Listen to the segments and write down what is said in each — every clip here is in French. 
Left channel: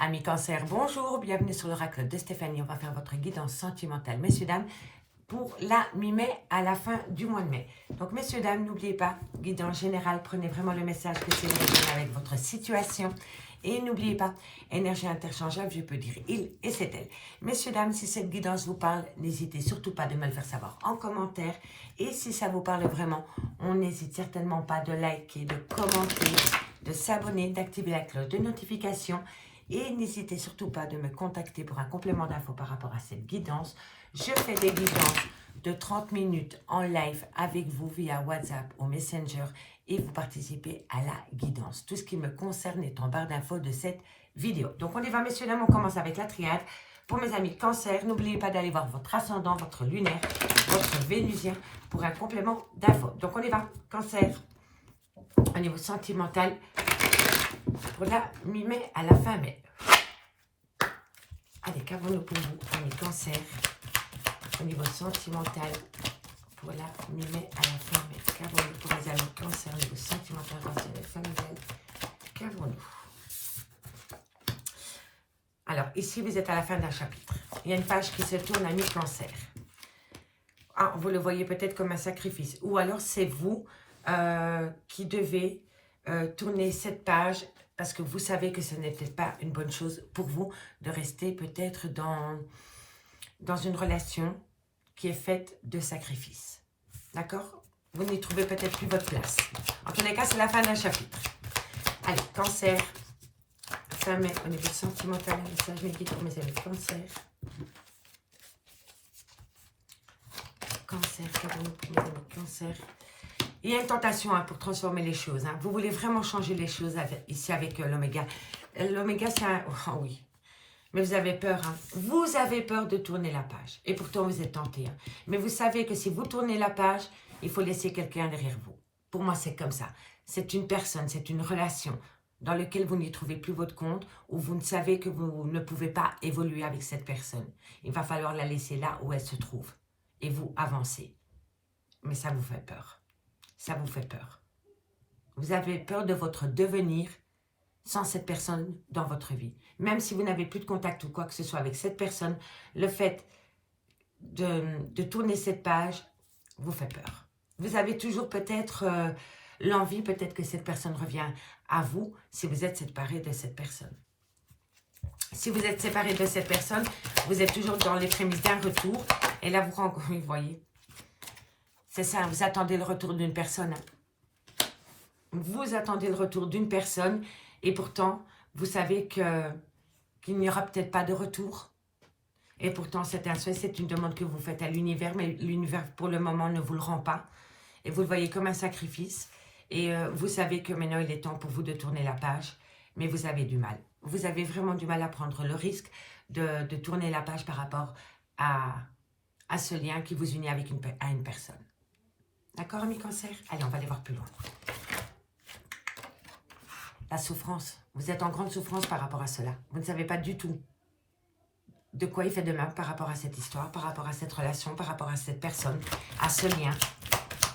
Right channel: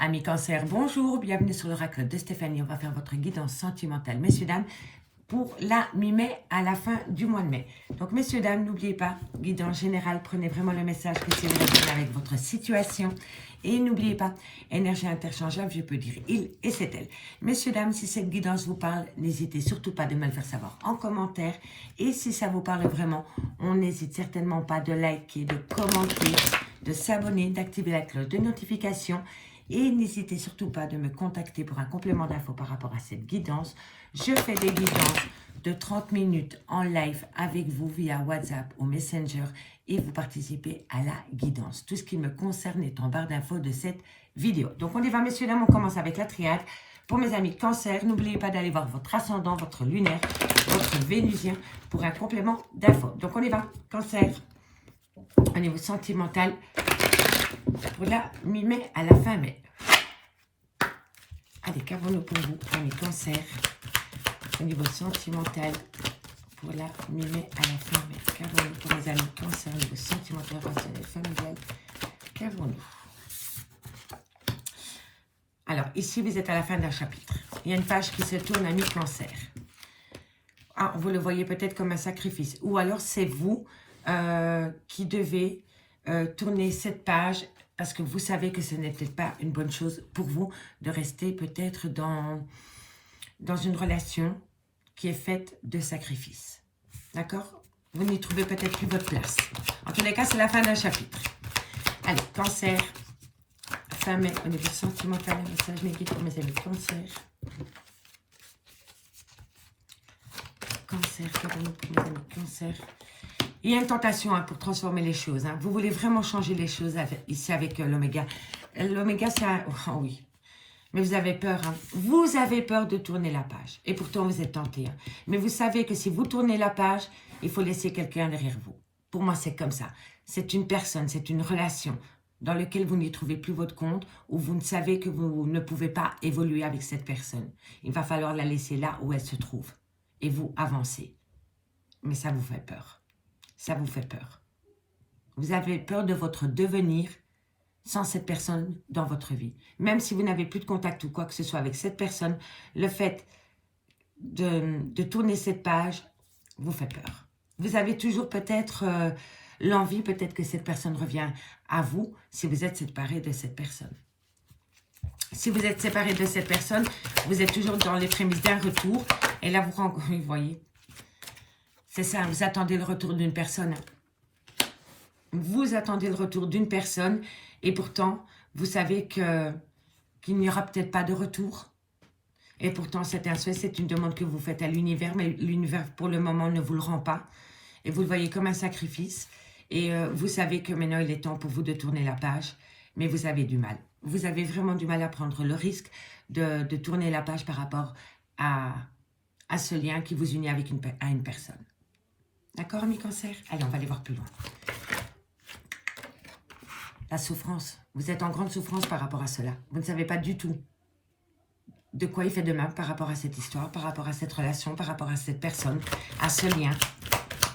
Amis Cancer, bonjour, bienvenue sur l'oracle de Stéphanie. On va faire votre guidance sentimentale, messieurs, dames, pour la mi-mai à la fin du mois de mai. Donc, messieurs, dames, n'oubliez pas, guidance générale, prenez vraiment le message que c'est avec votre situation. Et n'oubliez pas, énergie interchangeable, je peux dire il et c'est elle. Messieurs, dames, si cette guidance vous parle, n'hésitez surtout pas de me le faire savoir en commentaire. Et si ça vous parle vraiment, on n'hésite certainement pas de liker, de commenter, de s'abonner, d'activer la cloche de notification. Et n'hésitez surtout pas de me contacter pour un complément d'infos par rapport à cette guidance. Je fais des guidances de 30 minutes en live avec vous via WhatsApp ou Messenger et vous participez à la guidance. Tout ce qui me concerne est en barre d'infos de cette vidéo. Donc on y va, messieurs, dames, on commence avec la triade. Pour mes amis Cancer, n'oubliez pas d'aller voir votre ascendant, votre lunaire, votre vénusien pour un complément d'infos. Donc on y va, Cancer, au niveau sentimental, pour la mi-mai à la fin mai. Allez, qu'avons-nous pour vous, amis Cancer, au niveau sentimental, pour la mi-mai à la fin mai. Qu'avons-nous pour les amis Cancer, au niveau sentimental, relationnel, familial. Qu'avons-nous? Alors, ici, vous êtes à la fin d'un chapitre. Il y a une page qui se tourne, amis Cancer. Ah, vous le voyez peut-être comme un sacrifice. Ou alors, c'est vous qui devez tourner cette page parce que vous savez que ce n'était pas une bonne chose pour vous de rester peut-être dans une relation qui est faite de sacrifices. D'accord? Vous n'y trouvez peut-être plus votre place. En tous les cas, c'est la fin d'un chapitre. Allez, Cancer, fin mai, au niveau sentimental, message négatif pour mes amis Cancer. Cancer, pour mes amis Cancer. Il y a une tentation pour transformer les choses. Vous voulez vraiment changer les choses ici avec l'oméga. L'oméga, c'est un... Oh oui. Mais vous avez peur. Vous avez peur de tourner la page. Et pourtant, vous êtes tenté. Mais vous savez que si vous tournez la page, il faut laisser quelqu'un derrière vous. Pour moi, c'est comme ça. C'est une personne, c'est une relation dans laquelle vous n'y trouvez plus votre compte, où vous ne savez que vous ne pouvez pas évoluer avec cette personne. Il va falloir la laisser là où elle se trouve. Et vous avancez. Mais ça vous fait peur. Ça vous fait peur. Vous avez peur de votre devenir sans cette personne dans votre vie. Même si vous n'avez plus de contact ou quoi que ce soit avec cette personne, le fait de tourner cette page vous fait peur. Vous avez toujours peut-être l'envie, peut-être que cette personne revient à vous si vous êtes séparé de cette personne. Si vous êtes séparé de cette personne, vous êtes toujours dans les prémices d'un retour. Et là, vous voyez, c'est ça, vous attendez le retour d'une personne. Vous attendez le retour d'une personne et pourtant, vous savez qu'il n'y aura peut-être pas de retour. Et pourtant, c'est un souhait, c'est une demande que vous faites à l'univers, mais l'univers, pour le moment, ne vous le rend pas. Et vous le voyez comme un sacrifice. Et vous savez que maintenant, il est temps pour vous de tourner la page, mais vous avez du mal. Vous avez vraiment du mal à prendre le risque de tourner la page par rapport à ce lien qui vous unit avec une personne. D'accord, amis Cancer? Allez, on va aller voir plus loin. La souffrance. Vous êtes en grande souffrance par rapport à cela. Vous ne savez pas du tout de quoi il fait demain par rapport à cette histoire, par rapport à cette relation, par rapport à cette personne, à ce lien.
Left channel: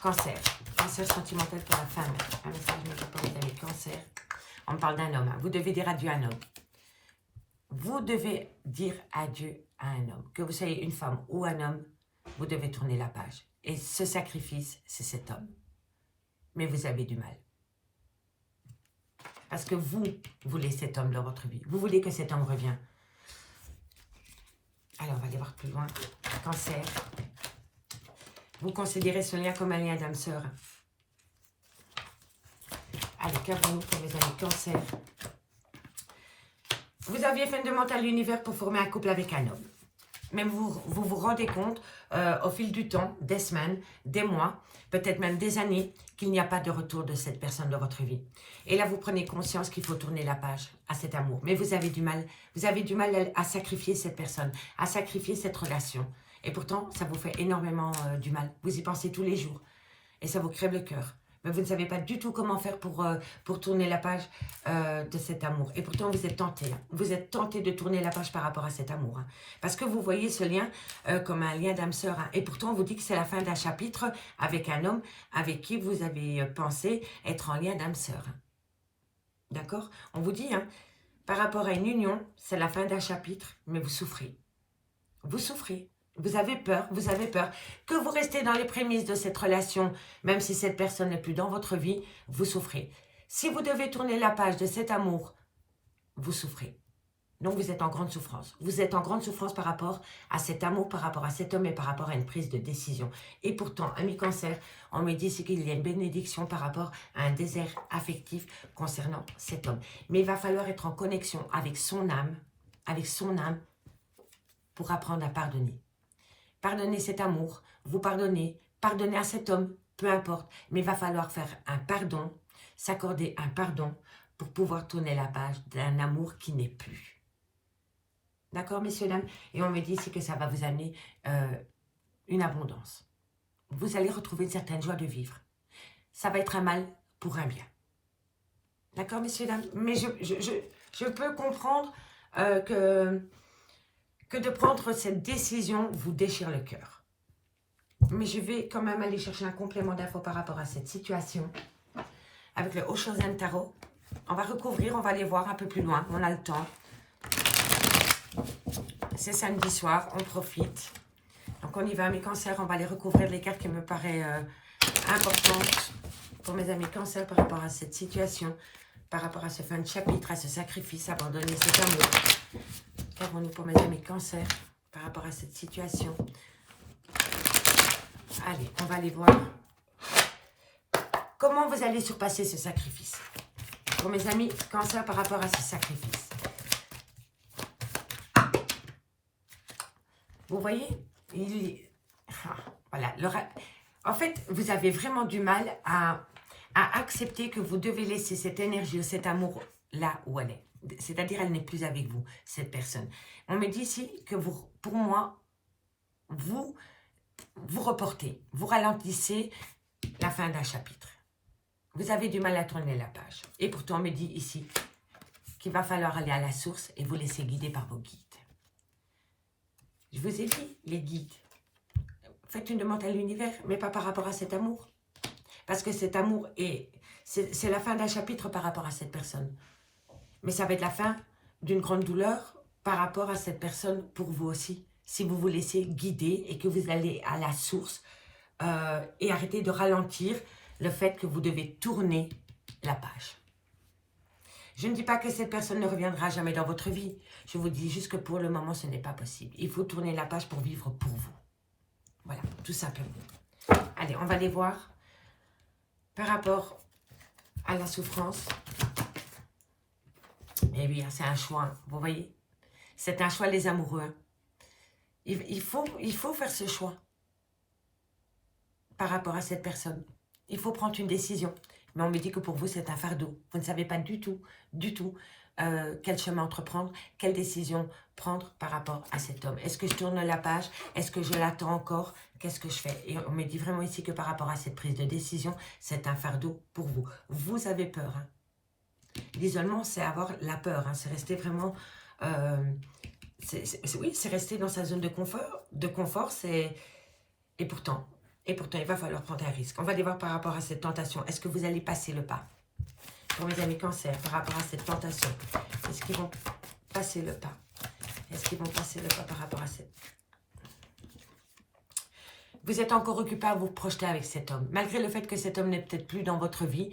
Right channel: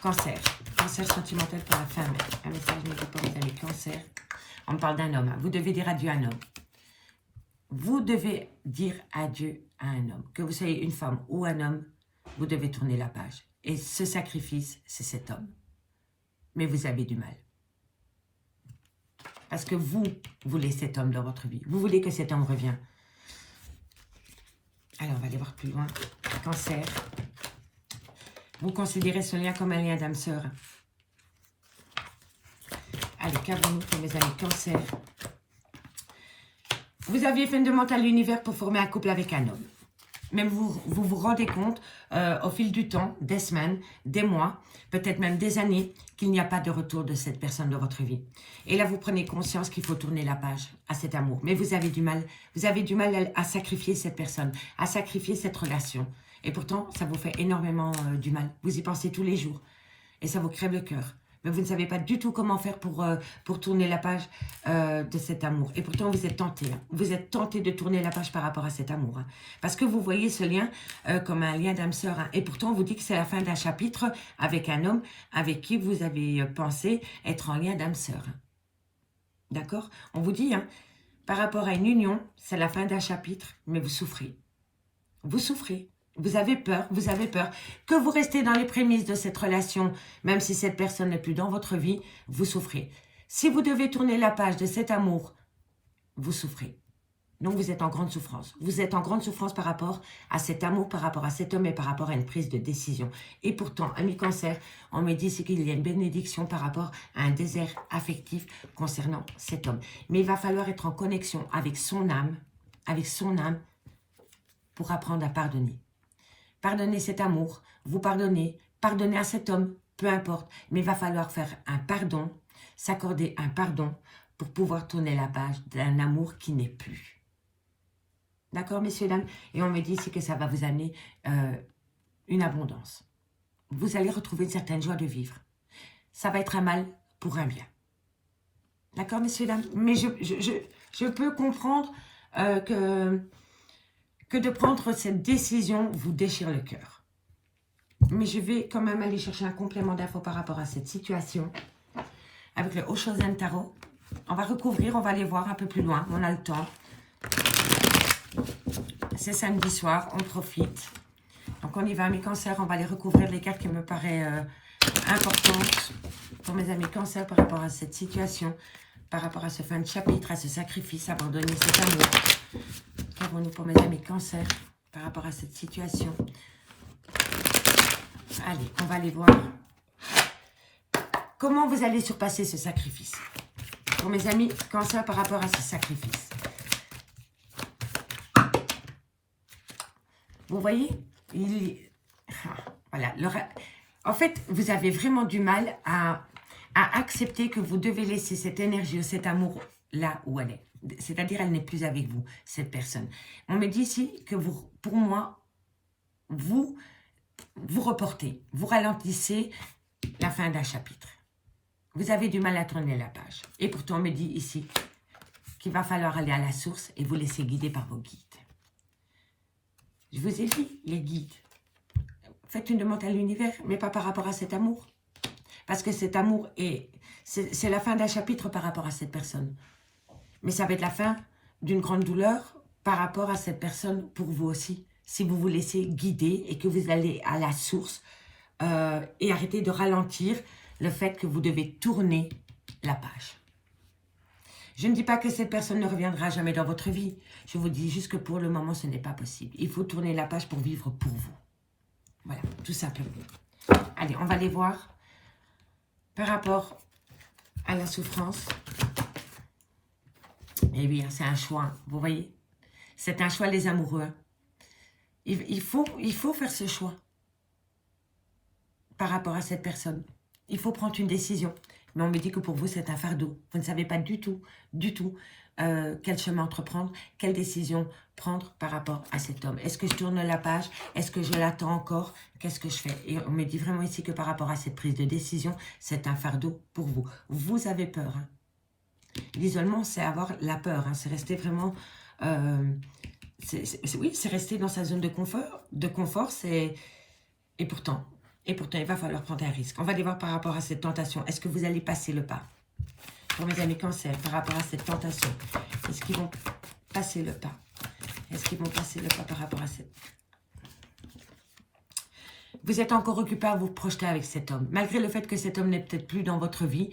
Cancer. Cancer sentimental pour la femme. Un message pour les amis Cancer. On me parle d'un homme. Vous devez dire adieu à un homme. Vous devez dire adieu à un homme. Que vous soyez une femme ou un homme, vous devez tourner la page. Et ce sacrifice, c'est cet homme. Mais vous avez du mal. Parce que vous voulez cet homme dans votre vie. Vous voulez que cet homme revienne. Alors, on va aller voir plus loin. Cancer. Vous considérez ce lien comme un lien d'âme-sœur. Allez, qu'avons-nous pour mes amis Cancer? Vous aviez fait une demande à l'univers pour former un couple avec un homme. Même vous vous rendez compte au fil du temps, des semaines, des mois, peut-être même des années, qu'il n'y a pas de retour de cette personne dans votre vie. Et là, vous prenez conscience qu'il faut tourner la page à cet amour. Mais vous avez du mal. Vous avez du mal à sacrifier cette personne, à sacrifier cette relation. Et pourtant, ça vous fait énormément du mal. Vous y pensez tous les jours. Et ça vous crève le cœur. Mais vous ne savez pas du tout comment faire pour tourner la page de cet amour. Et pourtant, vous êtes tenté. Vous êtes tenté de tourner la page par rapport à cet amour. Parce que vous voyez ce lien comme un lien d'âme-sœur. Et pourtant, on vous dit que c'est la fin d'un chapitre avec un homme avec qui vous avez pensé être en lien d'âme-sœur. D'accord? On vous dit, par rapport à une union, c'est la fin d'un chapitre, mais vous souffrez. Vous souffrez. Vous avez peur, que vous restez dans les prémices de cette relation, même si cette personne n'est plus dans votre vie, vous souffrez. Si vous devez tourner la page de cet amour, vous souffrez. Donc, vous êtes en grande souffrance. Vous êtes en grande souffrance par rapport à cet amour, par rapport à cet homme et par rapport à une prise de décision. Et pourtant, ami Cancer, on me dit qu'il y a une bénédiction par rapport à un désert affectif concernant cet homme. Mais il va falloir être en connexion avec son âme pour apprendre à pardonner. Pardonnez cet amour, vous pardonnez à cet homme, peu importe. Mais il va falloir faire un pardon, s'accorder un pardon pour pouvoir tourner la page d'un amour qui n'est plus. D'accord, messieurs, dames? Et on me dit ici que ça va vous amener une abondance. Vous allez retrouver une certaine joie de vivre. Ça va être un mal pour un bien. D'accord, messieurs, dames? Mais je peux comprendre que de prendre cette décision vous déchire le cœur. Mais je vais quand même aller chercher un complément d'infos par rapport à cette situation. Avec le Oshozen Tarot. On va recouvrir, on va aller voir un peu plus loin. On a le temps. C'est samedi soir, on profite. Donc on y va, mes cancers, on va aller recouvrir les cartes qui me paraissent importantes pour mes amis cancers par rapport à cette situation, par rapport à ce fin de chapitre, à ce sacrifice, abandonner cet amour. Qu'avons-nous pour mes amis cancers par rapport à cette situation? Allez, on va aller voir comment vous allez surpasser ce sacrifice. Pour mes amis cancers par rapport à ce sacrifice. Vous voyez, voilà. En fait, vous avez vraiment du mal à accepter que vous devez laisser cette énergie ou cet amour là où elle est. C'est-à-dire, elle n'est plus avec vous, cette personne. On me dit ici que vous, pour moi, vous reportez, vous ralentissez la fin d'un chapitre. Vous avez du mal à tourner la page. Et pourtant, on me dit ici qu'il va falloir aller à la source et vous laisser guider par vos guides. Je vous ai dit, les guides, faites une demande à l'univers, mais pas par rapport à cet amour. Parce que cet amour, c'est la fin d'un chapitre par rapport à cette personne. Mais ça va être la fin d'une grande douleur par rapport à cette personne pour vous aussi. Si vous vous laissez guider et que vous allez à la source et arrêtez de ralentir le fait que vous devez tourner la page. Je ne dis pas que cette personne ne reviendra jamais dans votre vie. Je vous dis juste que pour le moment, ce n'est pas possible. Il faut tourner la page pour vivre pour vous. Voilà, tout simplement. Allez, on va aller voir par rapport à la souffrance. Et oui, c'est un choix, vous voyez. C'est un choix, les amoureux. Il faut faire ce choix par rapport à cette personne. Il faut prendre une décision. Mais on me dit que pour vous, c'est un fardeau. Vous ne savez pas du tout, quel chemin entreprendre, quelle décision prendre par rapport à cet homme. Est-ce que je tourne la page? Est-ce que je l'attends encore? Qu'est-ce que je fais? Et on me dit vraiment ici que par rapport à cette prise de décision, c'est un fardeau pour vous. Vous avez peur. Hein. L'isolement, c'est avoir la peur. Hein. C'est rester vraiment... oui, c'est rester dans sa zone de confort. Et pourtant, il va falloir prendre un risque. On va aller voir par rapport à cette tentation. Est-ce que vous allez passer le pas? Pour mes amis cancers, par rapport à cette tentation, est-ce qu'ils vont passer le pas? Est-ce qu'ils vont passer le pas par rapport à cette... Vous êtes encore occupé à vous projeter avec cet homme. Malgré le fait que cet homme n'est peut-être plus dans votre vie,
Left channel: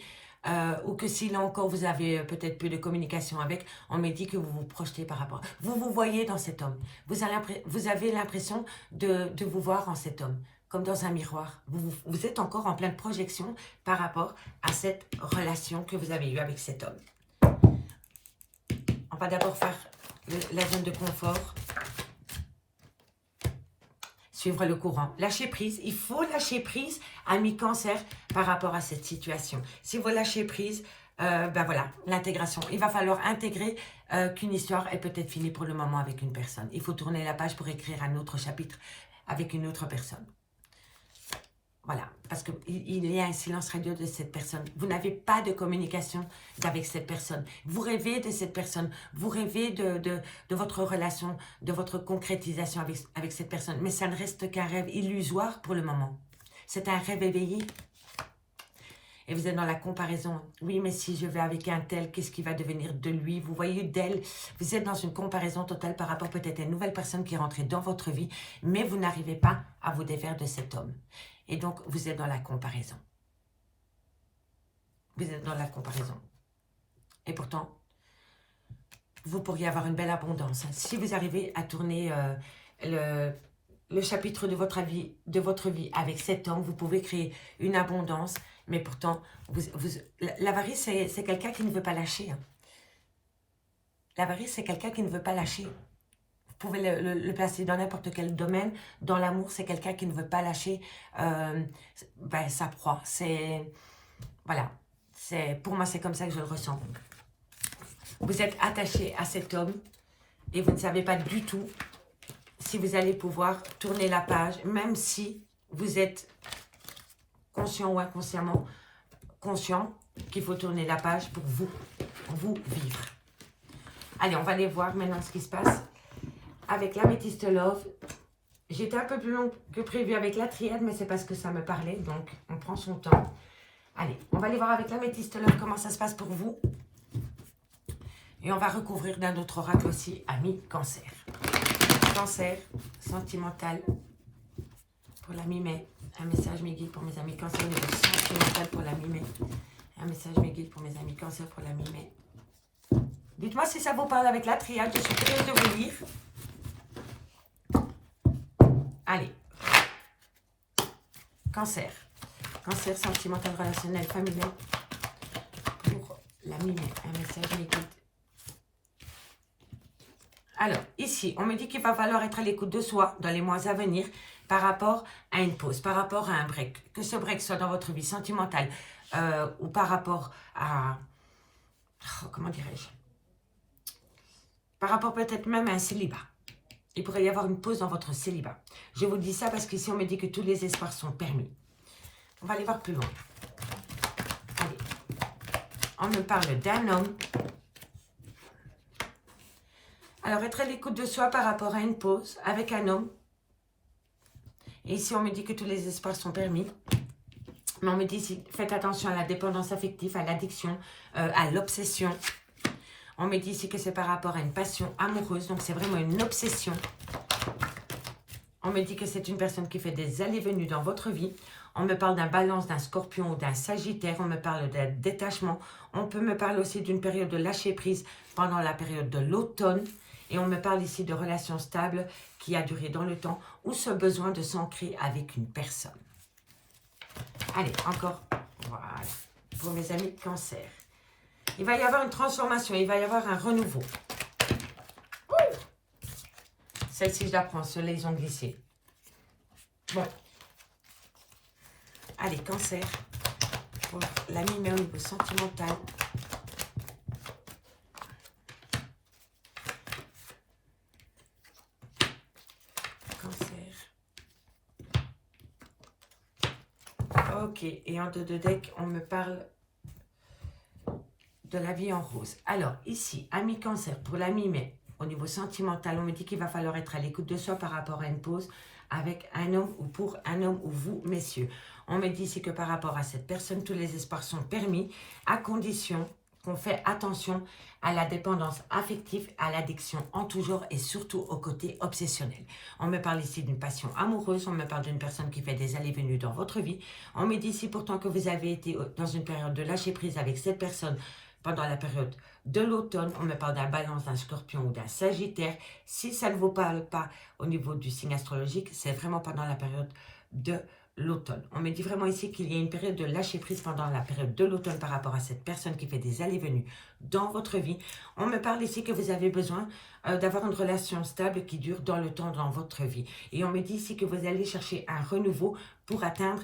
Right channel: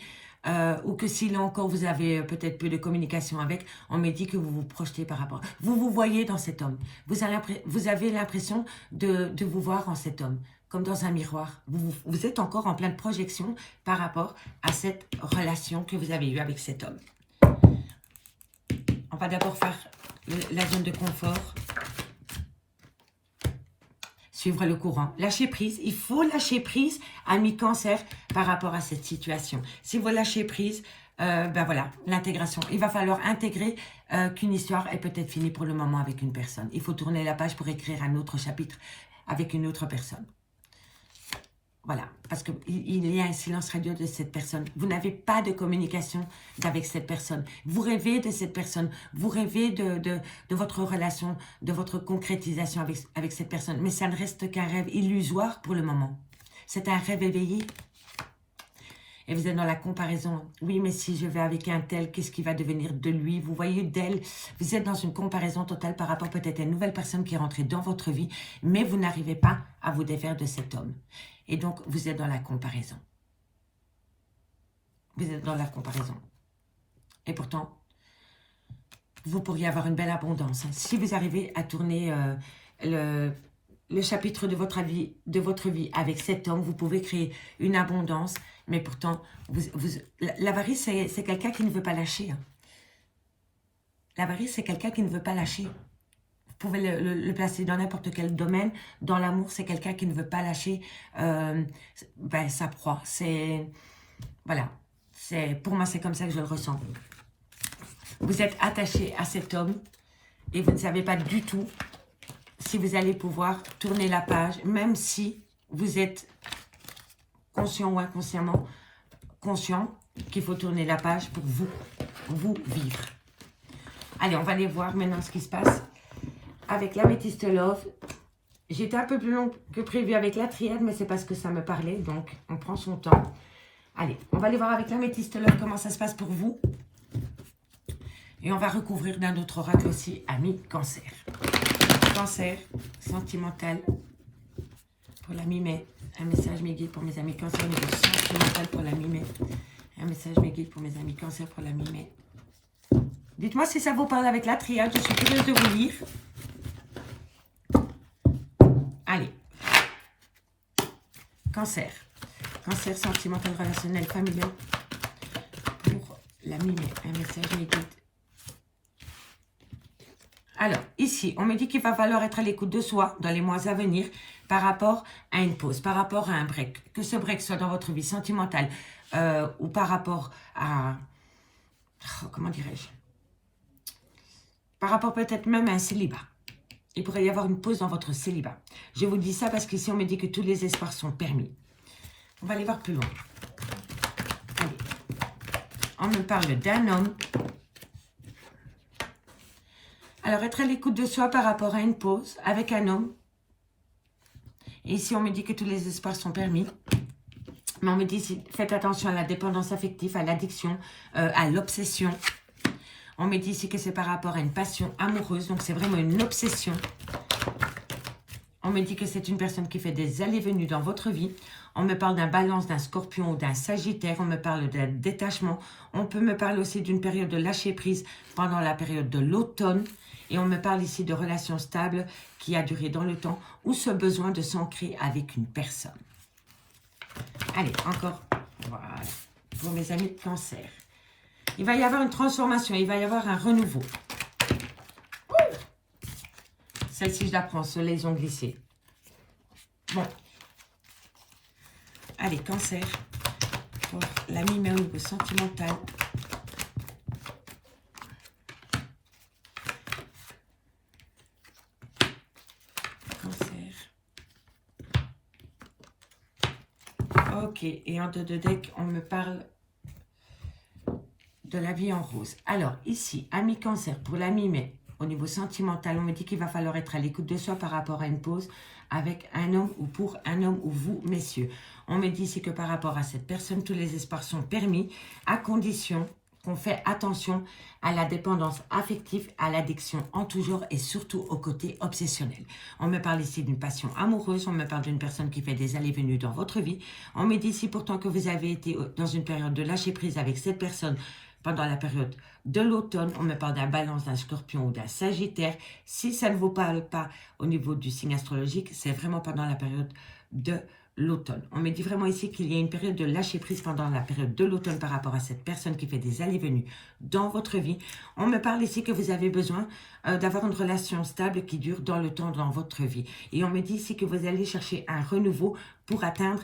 ou que s'il encore vous avez peut-être peu de communication avec, on me dit que vous vous projetez par rapport. Vous vous voyez dans cet homme. Vous avez l'impression de vous voir en cet homme, comme dans un miroir. Vous êtes encore en pleine projection par rapport à cette relation que vous avez eue avec cet homme. On va d'abord faire la zone de confort. Suivre le courant. Lâcher prise. Il faut lâcher prise, ami cancer, par rapport à cette situation. Si vous lâchez prise, ben voilà, l'intégration. Il va falloir intégrer qu'une histoire est peut-être finie pour le moment avec une personne. Il faut tourner la page pour écrire un autre chapitre avec une autre personne. Voilà, parce qu'il y a un silence radio de cette personne. Vous n'avez pas de communication avec cette personne. Vous rêvez de cette personne. Vous rêvez de votre relation, de votre concrétisation avec cette personne. Mais ça ne reste qu'un rêve illusoire pour le moment. C'est un rêve éveillé. et vous êtes dans la comparaison. Oui, mais si je vais avec un tel, qu'est-ce qui va devenir de lui? Vous voyez d'elle, vous êtes dans une comparaison totale par rapport peut-être à une nouvelle personne qui est rentrée dans votre vie, mais vous n'arrivez pas à vous défaire de cet homme. Et donc, vous êtes dans la comparaison. Vous êtes dans la comparaison. Et pourtant, vous pourriez avoir une belle abondance. Si vous arrivez à tourner le chapitre de votre vie avec cet homme, vous pouvez créer une abondance. Mais pourtant, l'avarice, c'est quelqu'un qui ne veut pas lâcher. Hein. L'avarice, c'est quelqu'un qui ne veut pas lâcher. Vous pouvez le placer dans n'importe quel domaine. Dans l'amour, c'est quelqu'un qui ne veut pas lâcher sa proie. Voilà. Pour moi, c'est comme ça que je le ressens. Vous êtes attaché à cet homme et vous ne savez pas du tout si vous allez pouvoir tourner la page, même si vous êtes conscient ou inconsciemment conscient qu'il faut tourner la page pour vous vivre. Allez, on va aller voir maintenant ce qui se passe avec l'améthyste love. J'étais un peu plus long que prévu avec la triade, mais c'est parce que ça me parlait, donc on prend son temps. Allez, on va aller voir avec l'améthyste love comment ça se passe pour vous. Et on va recouvrir d'un autre oracle aussi, ami Cancer. Cancer, sentimental, pour la mi-mai. Un message mes guides pour mes amis Cancer, sentimental pour la mi-mai. Un message mes guides pour mes amis Cancer pour la mi-mai. Dites-moi si ça vous parle avec la triade, je suis curieuse de vous lire. Allez. Cancer. Cancer, sentimental, relationnel, familial. Pour la mi-mai, un message mes guides. Alors, ici, on me dit qu'il va falloir être à l'écoute de soi dans les mois à venir par rapport à une pause, par rapport à un break. Que ce break soit dans votre vie sentimentale ou par rapport à... comment dirais-je? Par rapport peut-être même à un célibat. Il pourrait y avoir une pause dans votre célibat. Je vous dis ça parce qu'ici, on me dit que tous les espoirs sont permis. On va aller voir plus loin. Allez. On me parle d'un homme. Alors, être à l'écoute de soi par rapport à une pause avec un homme. Et ici, on me dit que tous les espoirs sont permis. Mais on me dit, faites attention à la dépendance affective, à l'addiction, à l'obsession. On me dit ici que c'est par rapport à une passion amoureuse. Donc, c'est vraiment une obsession. On me dit que c'est une personne qui fait des allées-venues dans votre vie. On me parle d'un balance, d'un scorpion ou d'un sagittaire. On me parle d'un détachement. On peut me parler aussi d'une période de lâcher prise pendant la période de l'automne. Et on me parle ici de relations stables qui a duré dans le temps ou ce besoin de s'ancrer avec une personne. Allez, encore, voilà, pour mes amis Cancer. Il va y avoir une transformation, il va y avoir un renouveau. Celle-ci, je la prends, ceux-là, ils ont glissé. Bon. Allez, Cancer, pour la mi-mai au niveau sentimental. Ok, et en dos de deck, on me parle de la vie en rose. Alors, ici, ami Cancer, pour la mi-mai, au niveau sentimental, on me dit qu'il va falloir être à l'écoute de soi par rapport à une pause avec un homme ou pour un homme ou vous, messieurs. On me dit ici que par rapport à cette personne, tous les espoirs sont permis, à condition qu'on fait attention à la dépendance affective, à l'addiction en tout genre et surtout au côté obsessionnel. On me parle ici d'une passion amoureuse, on me parle d'une personne qui fait des allées-venues dans votre vie. On me dit ici pourtant que vous avez été dans une période de lâcher prise avec cette personne pendant la période de l'automne. On me parle d'un balance, d'un scorpion ou d'un sagittaire. Si ça ne vous parle pas au niveau du signe astrologique, c'est vraiment pendant la période de l'automne. On me dit vraiment ici qu'il y a une période de lâcher prise pendant la période de l'automne par rapport à cette personne qui fait des allées-venues dans votre vie. On me parle ici que vous avez besoin d'avoir une relation stable qui dure dans le temps dans votre vie. Et on me dit ici que vous allez chercher un renouveau pour atteindre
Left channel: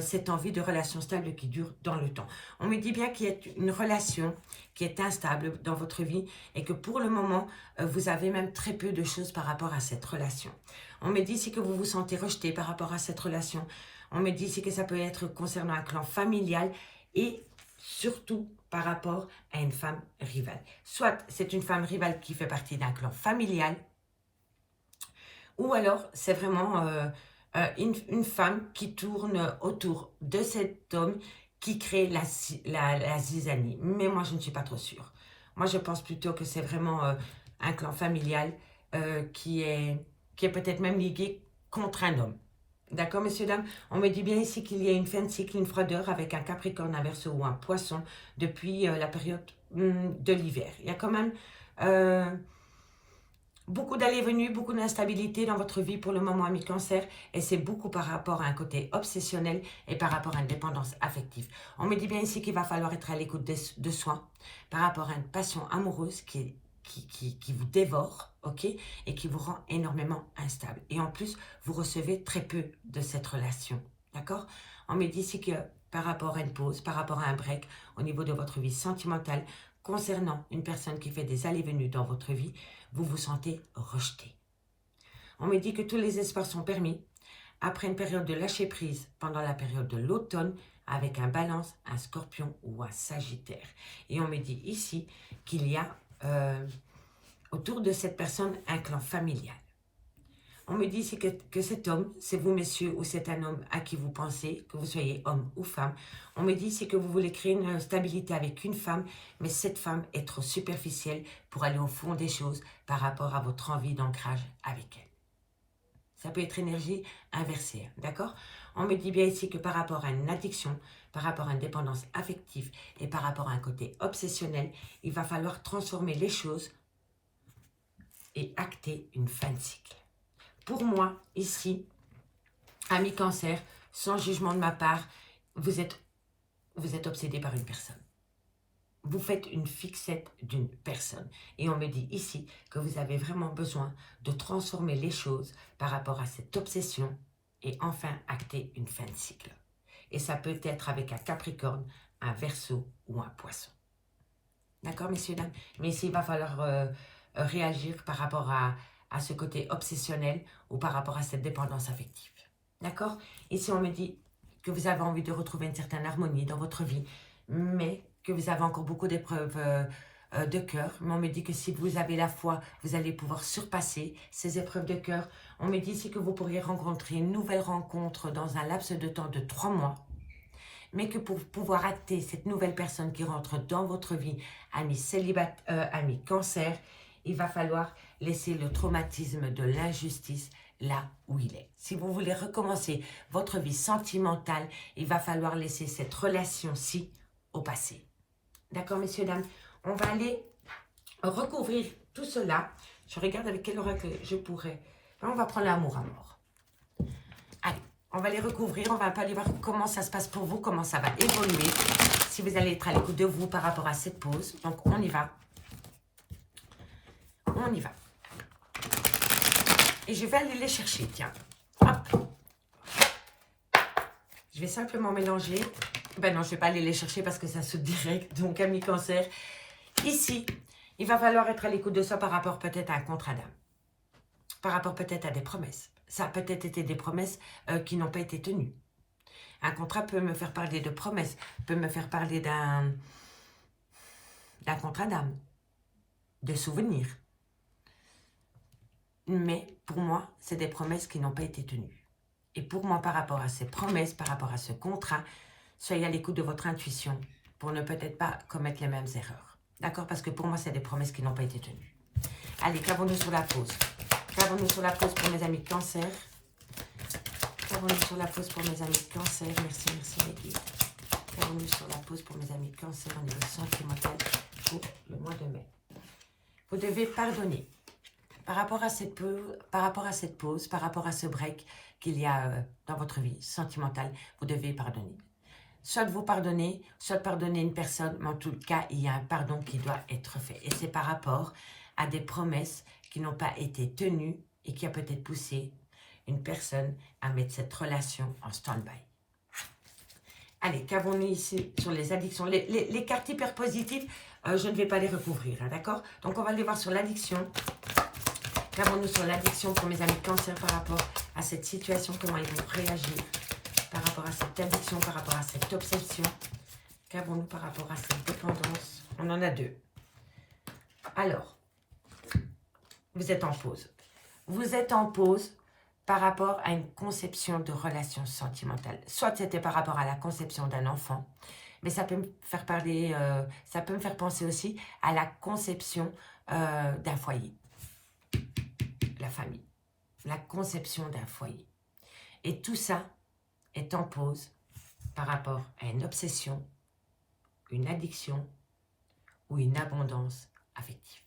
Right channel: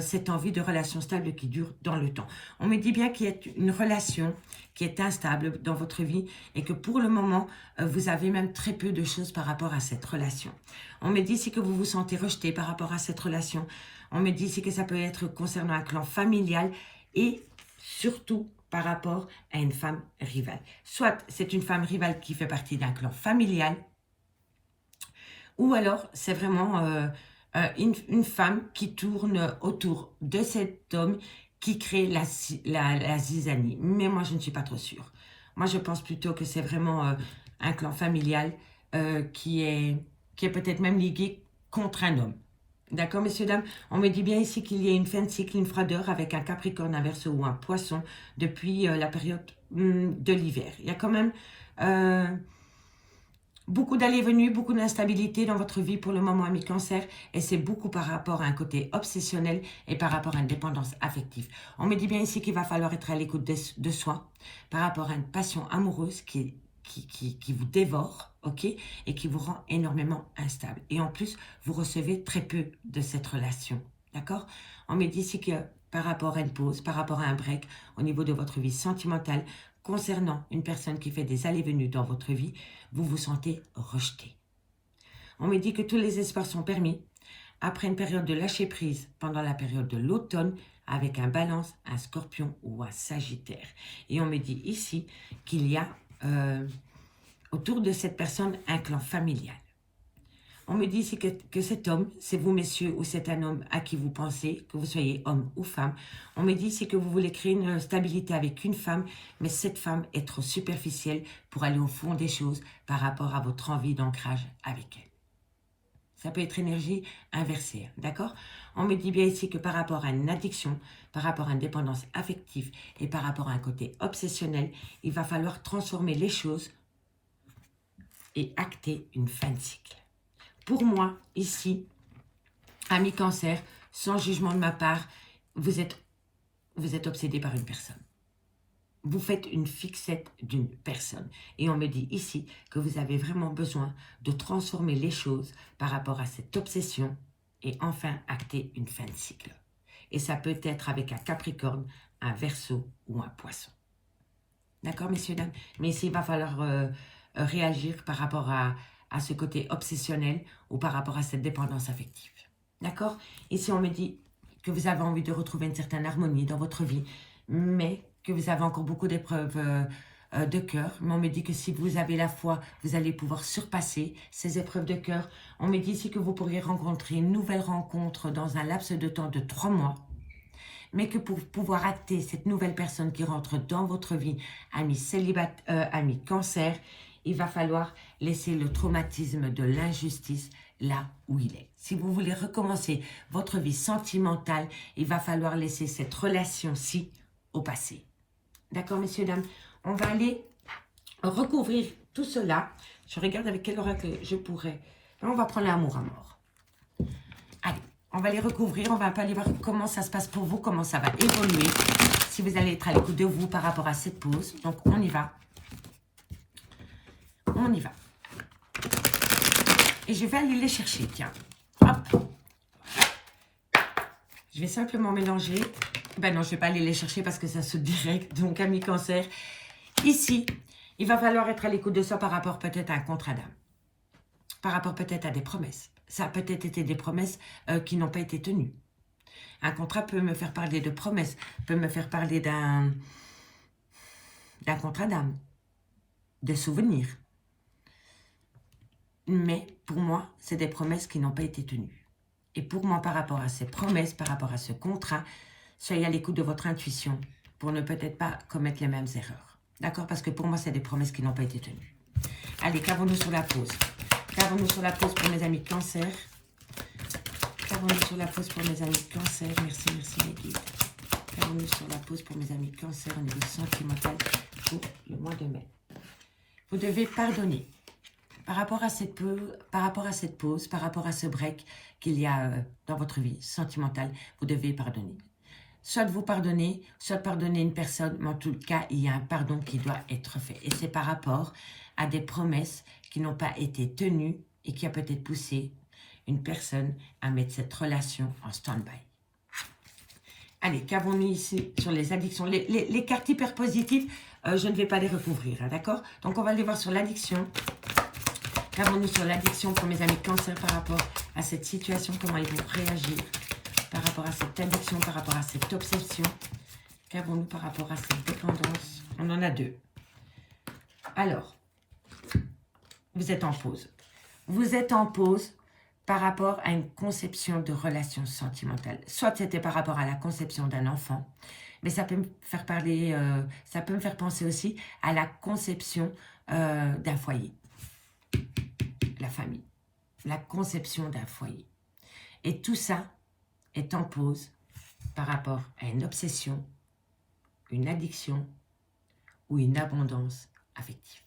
cette envie de relation stable qui dure dans le temps. On me dit bien qu'il y a une relation qui est instable dans votre vie et que pour le moment, vous avez même très peu de choses par rapport à cette relation. On me dit ici que vous vous sentez rejeté par rapport à cette relation. On me dit ici que ça peut être concernant un clan familial et surtout par rapport à une femme rivale. Soit c'est une femme rivale qui fait partie d'un clan familial ou alors c'est vraiment une femme qui tourne autour de cet homme qui crée la zizanie. Mais moi, je ne suis pas trop sûre. Moi, je pense plutôt que c'est vraiment un clan familial qui est peut-être même ligué contre un homme. D'accord, messieurs, dames? On me dit bien ici qu'il y a une fin de cycle, une froideur avec un capricorne, un verseau ou un poisson depuis la période de l'hiver. Il y a quand même beaucoup d'allées et venues, beaucoup d'instabilité dans votre vie pour le moment, ami Cancer. Et c'est beaucoup par rapport à un côté obsessionnel et par rapport à une dépendance affective. On me dit bien ici qu'il va falloir être à l'écoute de soi par rapport à une passion amoureuse qui vous dévore, ok, et qui vous rend énormément instable. Et en plus, vous recevez très peu de cette relation, d'accord? On me dit ici que par rapport à une pause, par rapport à un break, au niveau de votre vie sentimentale, concernant une personne qui fait des allées-venues dans votre vie, vous vous sentez rejeté. On me dit que tous les espoirs sont permis après une période de lâcher prise pendant la période de l'automne avec un balance, un scorpion ou un sagittaire. Et on me dit ici qu'il y a autour de cette personne un clan familial. On me dit ici que cet homme, c'est vous messieurs, ou c'est un homme à qui vous pensez, que vous soyez homme ou femme. On me dit ici que vous voulez créer une stabilité avec une femme, mais cette femme est trop superficielle pour aller au fond des choses par rapport à votre envie d'ancrage avec elle. Ça peut être énergie inversée, d'accord? On me dit bien ici que par rapport à une addiction, par rapport à une dépendance affective et par rapport à un côté obsessionnel, il va falloir transformer les choses et acter une fin de cycle. Pour moi, ici, ami Cancer, sans jugement de ma part, vous êtes obsédé par une personne. Vous faites une fixette d'une personne. Et on me dit ici que vous avez vraiment besoin de transformer les choses par rapport à cette obsession et enfin acter une fin de cycle. Et ça peut être avec un Capricorne, un Verseau ou un Poisson. D'accord, messieurs, dames? Mais ici, il va falloir réagir par rapport à ce côté obsessionnel ou par rapport à cette dépendance affective. D'accord? Ici, on me dit que vous avez envie de retrouver une certaine harmonie dans votre vie, mais que vous avez encore beaucoup d'épreuves de cœur. Mais on me dit que si vous avez la foi, vous allez pouvoir surpasser ces épreuves de cœur. On me dit ici que vous pourriez rencontrer une nouvelle rencontre dans un laps de temps de 3 mois. Mais que pour pouvoir acter cette nouvelle personne qui rentre dans votre vie, ami Cancer, il va falloir laisser le traumatisme de l'injustice là où il est. Si vous voulez recommencer votre vie sentimentale, il va falloir laisser cette relation-ci au passé. D'accord, messieurs, dames? On va aller recouvrir tout cela. Je regarde avec quel oracle je pourrais. On va prendre l'amour à mort. Allez, on va les recouvrir. On va un peu aller voir comment ça se passe pour vous, comment ça va évoluer. Si vous allez être à l'écoute de vous par rapport à cette pause. Donc, on y va. On y va. Et je vais aller les chercher, tiens. Hop. Je vais simplement mélanger. Ben non, je ne vais pas aller les chercher parce que ça se direct. Donc, ami Cancer, ici, il va falloir être à l'écoute de soi par rapport peut-être à un contrat d'âme. Par rapport peut-être à des promesses. Ça a peut-être été des promesses qui n'ont pas été tenues. Un contrat peut me faire parler de promesses, peut me faire parler d'un contrat d'âme, des souvenirs. Mais pour moi, c'est des promesses qui n'ont pas été tenues. Et pour moi, par rapport à ces promesses, par rapport à ce contrat, soyez à l'écoute de votre intuition pour ne peut-être pas commettre les mêmes erreurs. D'accord? Parce que pour moi, c'est des promesses qui n'ont pas été tenues. Allez, clavons-nous sur la pause. Clavons-nous sur la pause pour mes amis Cancer. Clavons-nous sur la pause pour mes amis Cancer. Merci, merci, mes guides. Clavons-nous sur la pause pour mes amis Cancer au niveau sentimental pour le mois de mai. Vous devez pardonner. Par rapport à cette pause, par rapport à ce break qu'il y a dans votre vie sentimentale, vous devez pardonner. Soit vous pardonnez, soit pardonner une personne, mais en tout cas, il y a un pardon qui doit être fait. Et c'est par rapport à des promesses qui n'ont pas été tenues et qui a peut-être poussé une personne à mettre cette relation en stand-by. Allez, qu'avons-nous ici sur les addictions? Les cartes hyper positives, je ne vais pas les recouvrir, hein, d'accord? Donc, on va les voir sur l'addiction. Qu'avons-nous sur l'addiction pour mes amis Cancer par rapport à cette situation? Comment ils vont réagir par rapport à cette addiction, par rapport à cette obsession? Qu'avons-nous par rapport à cette dépendance? On en a deux. Alors, vous êtes en pause. Vous êtes en pause par rapport à une conception de relation sentimentale. Soit c'était par rapport à la conception d'un enfant, mais ça peut me faire parler, ça peut me faire penser aussi à la conception d'un foyer, la famille, la conception d'un foyer. Et tout ça est en pause par rapport à une obsession, une addiction ou une abondance affective.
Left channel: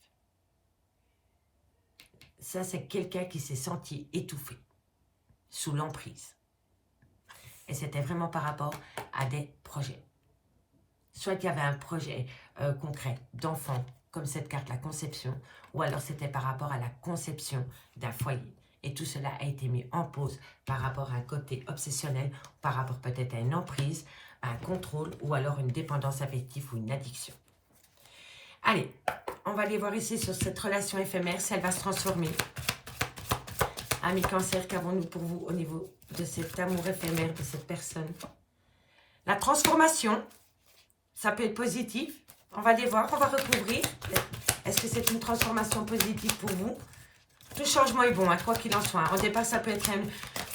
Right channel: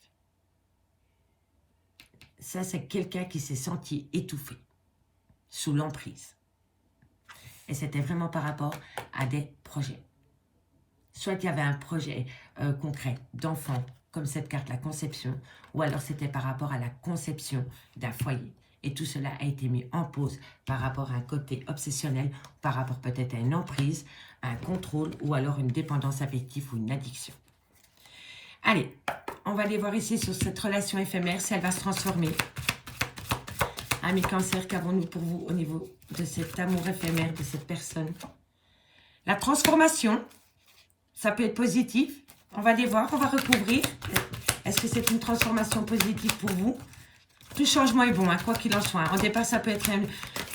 Ça, c'est quelqu'un qui s'est senti étouffé, sous l'emprise. Et c'était vraiment par rapport à des projets. Soit il y avait un projet concret d'enfant, comme cette carte, la conception, ou alors c'était par rapport à la conception d'un foyer. Et tout cela a été mis en pause par rapport à un côté obsessionnel, par rapport peut-être à une emprise, à un contrôle, ou alors une dépendance affective ou une addiction. Allez, on va aller voir ici sur cette relation éphémère, si elle va se transformer. Amis Cancer, qu'avons-nous pour vous au niveau de cet amour éphémère de cette personne? La transformation, ça peut être positif. On va aller voir, on va recouvrir. Est-ce que c'est une transformation positive pour vous? Tout changement est bon, hein, quoi qu'il en soit. Au départ, ça peut être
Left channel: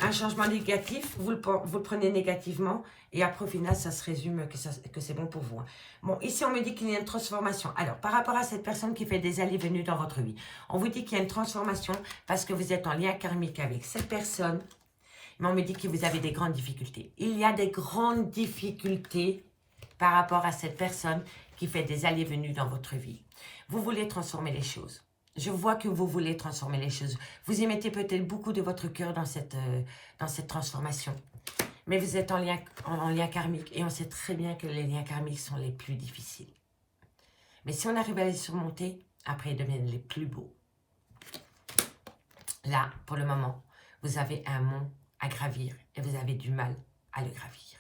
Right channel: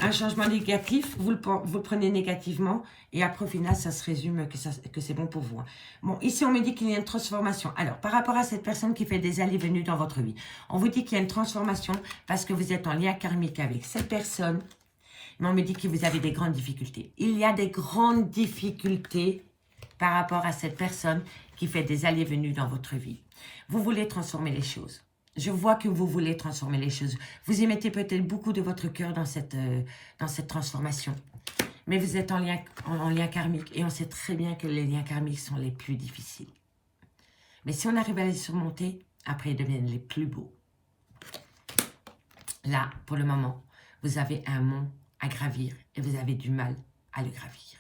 un changement négatif. Vous le prenez négativement. Et après, au final, ça se résume que c'est bon pour vous. Hein. Bon, ici, on me dit qu'il y a une transformation. Alors, par rapport à cette personne qui fait des allées-venues dans votre vie, on vous dit qu'il y a une transformation parce que vous êtes en lien karmique avec cette personne. Mais on me dit que vous avez des grandes difficultés. Il y a des grandes difficultés par rapport à cette personne qui fait des allées-venues dans votre vie. Vous voulez transformer les choses. Je vois que vous voulez transformer les choses. Vous y mettez peut-être beaucoup de votre cœur dans cette transformation. Mais vous êtes en lien karmique et on sait très bien que les liens karmiques sont les plus difficiles. Mais si on arrive à les surmonter, après ils deviennent les plus beaux. Là, pour le moment, vous avez un mont à gravir et vous avez du mal à le gravir.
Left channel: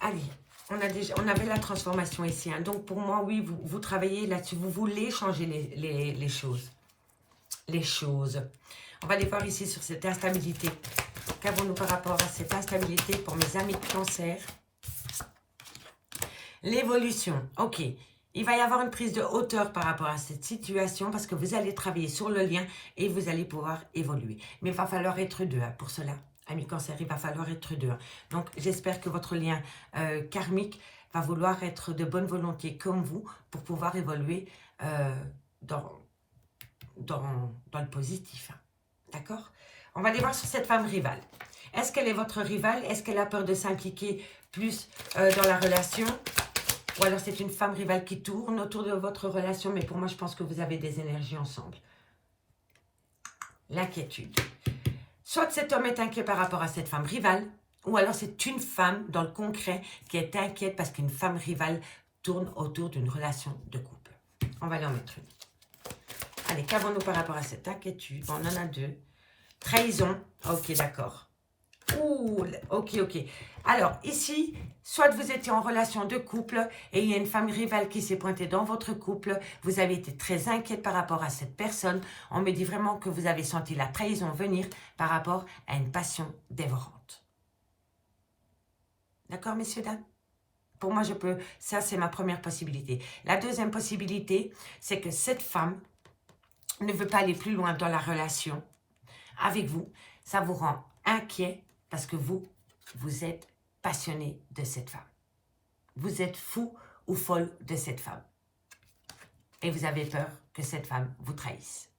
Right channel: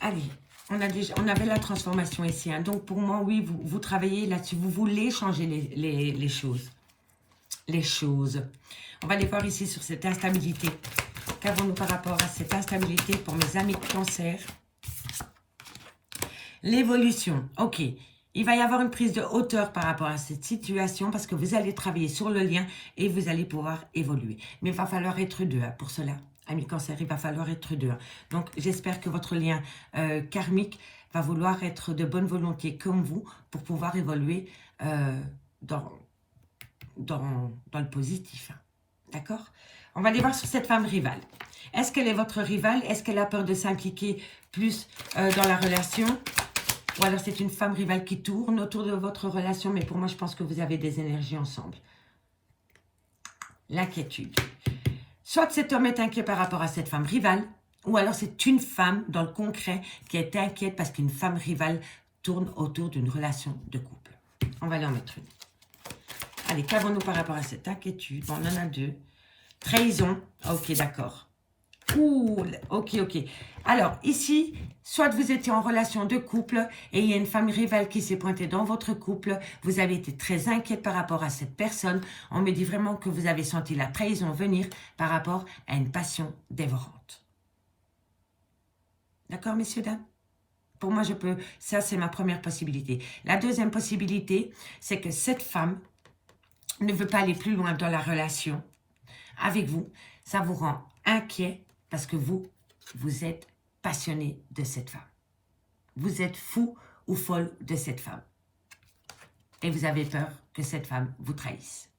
Allez. On avait la transformation ici. Hein. Donc, pour moi, oui, vous travaillez là-dessus. Vous voulez changer les choses. Les choses. On va aller voir ici sur cette instabilité. Qu'avons-nous par rapport à cette instabilité pour mes amis de Cancer? L'évolution. OK. Il va y avoir une prise de hauteur par rapport à cette situation parce que vous allez travailler sur le lien et vous allez pouvoir évoluer. Mais il va falloir être deux hein, pour cela. Amis Cancer, il va falloir être deux. Donc, j'espère que votre lien karmique va vouloir être de bonne volonté comme vous pour pouvoir évoluer dans le positif. D'accord? On va aller voir sur cette femme rivale. Est-ce qu'elle est votre rivale? Est-ce qu'elle a peur de s'impliquer plus dans la relation? Ou alors c'est une femme rivale qui tourne autour de votre relation, mais pour moi, je pense que vous avez des énergies ensemble. L'inquiétude. Soit cet homme est inquiet par rapport à cette femme rivale, ou alors c'est une femme dans le concret qui est inquiète parce qu'une femme rivale tourne autour d'une relation de couple. On va aller en mettre une. Allez, qu'avons-nous par rapport à cette inquiétude? On en a deux. Trahison. Ok, d'accord. Ouh, ok. Alors, ici, soit vous étiez en relation de couple et il y a une femme rivale qui s'est pointée dans votre couple. Vous avez été très inquiète par rapport à cette personne. On me dit vraiment que vous avez senti la trahison venir par rapport à une passion dévorante. D'accord, messieurs, dames? Pour moi, ça, c'est ma première possibilité. La deuxième possibilité, c'est que cette femme ne veut pas aller plus loin dans la relation avec vous. Ça vous rend inquiet parce que vous êtes passionné de cette femme. Vous êtes fou ou folle de cette femme. Et vous avez peur que cette femme vous trahisse.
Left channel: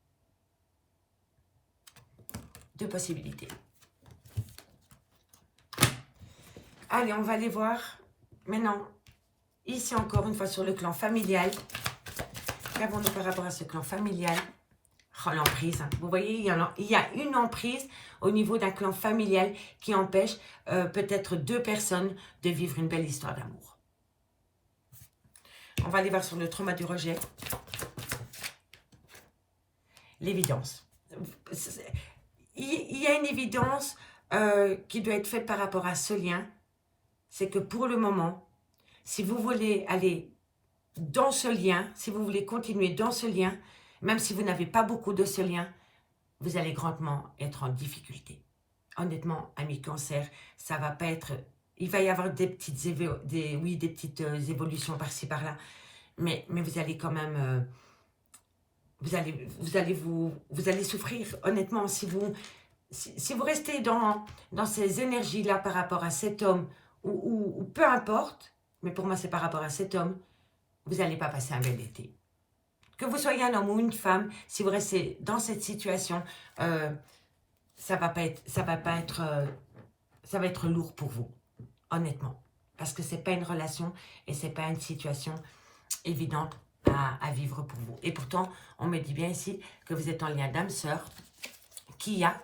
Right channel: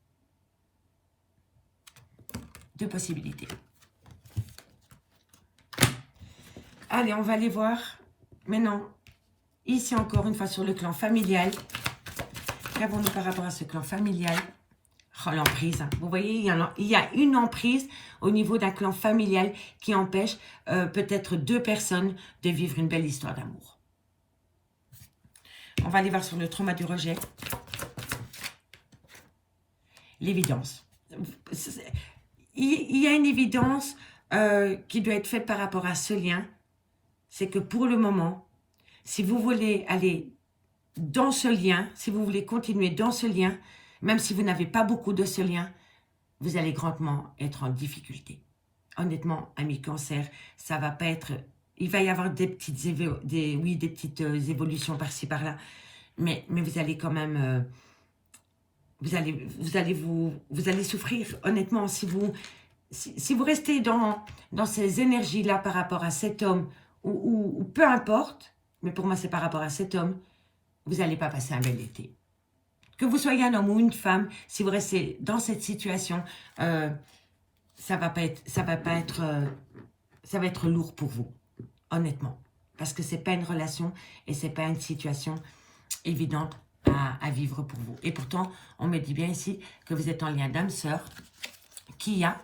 Deux possibilités. Allez, on va aller voir maintenant, ici encore une fois sur le clan familial. Qu'avons-nous par rapport à ce clan familial? Oh, l'emprise. Vous voyez, il y a une emprise au niveau d'un clan familial qui empêche peut-être deux personnes de vivre une belle histoire d'amour. On va aller voir sur le trauma du rejet. L'évidence. Il y a une évidence qui doit être faite par rapport à ce lien. C'est que pour le moment, si vous voulez aller dans ce lien, si vous voulez continuer dans ce lien, même si vous n'avez pas beaucoup de ce lien, vous allez grandement être en difficulté. Honnêtement, amis Cancer, ça va pas être... Il va y avoir des petites, évolutions par-ci, par-là, mais vous allez quand même vous allez souffrir, honnêtement, si vous restez dans ces énergies-là par rapport à cet homme, ou peu importe, mais pour moi, c'est par rapport à cet homme, vous n'allez pas passer un bel été. Que vous soyez un homme ou une femme, si vous restez dans cette situation, ça va être lourd pour vous, honnêtement. Parce que ce n'est pas une relation et ce n'est pas une situation évidente à vivre pour vous. Et pourtant, on me dit bien ici que vous êtes en lien d'âme-sœur, qui a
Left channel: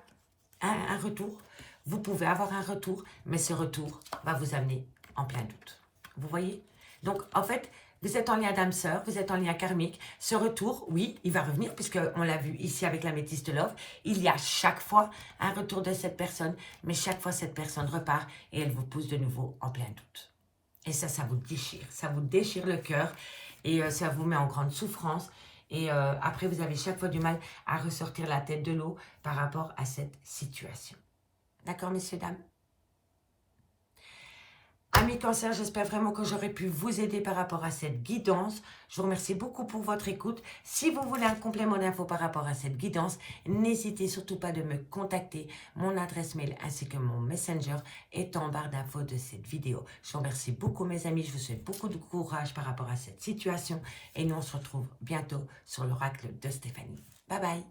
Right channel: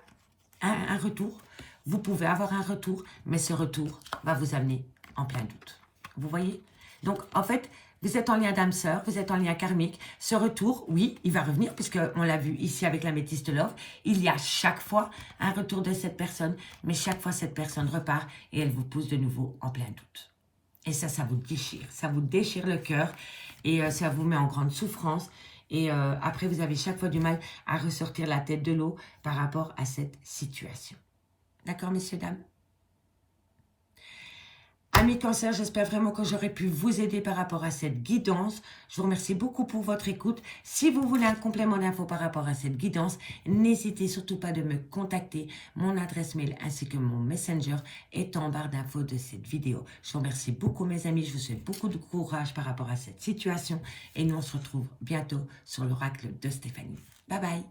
un retour. Vous pouvez avoir un retour, mais ce retour va vous amener en plein doute. Vous voyez? Donc, en fait, vous êtes en lien d'âme-sœur, vous êtes en lien karmique. Ce retour, oui, il va revenir, puisqu'on l'a vu ici avec la métiste love. Il y a chaque fois un retour de cette personne, mais chaque fois, cette personne repart et elle vous pousse de nouveau en plein doute. Et ça vous déchire. Ça vous déchire le cœur et ça vous met en grande souffrance. Et après, vous avez chaque fois du mal à ressortir la tête de l'eau par rapport à cette situation. D'accord, messieurs, dames? Amis Cancer, j'espère vraiment que j'aurai pu vous aider par rapport à cette guidance. Je vous remercie beaucoup pour votre écoute. Si vous voulez un complément d'infos par rapport à cette guidance, n'hésitez surtout pas de me contacter. Mon adresse mail ainsi que mon messenger est en barre d'infos de cette vidéo. Je vous remercie beaucoup mes amis. Je vous souhaite beaucoup de courage par rapport à cette situation. Et nous on se retrouve bientôt sur l'oracle de Stéphanie. Bye bye.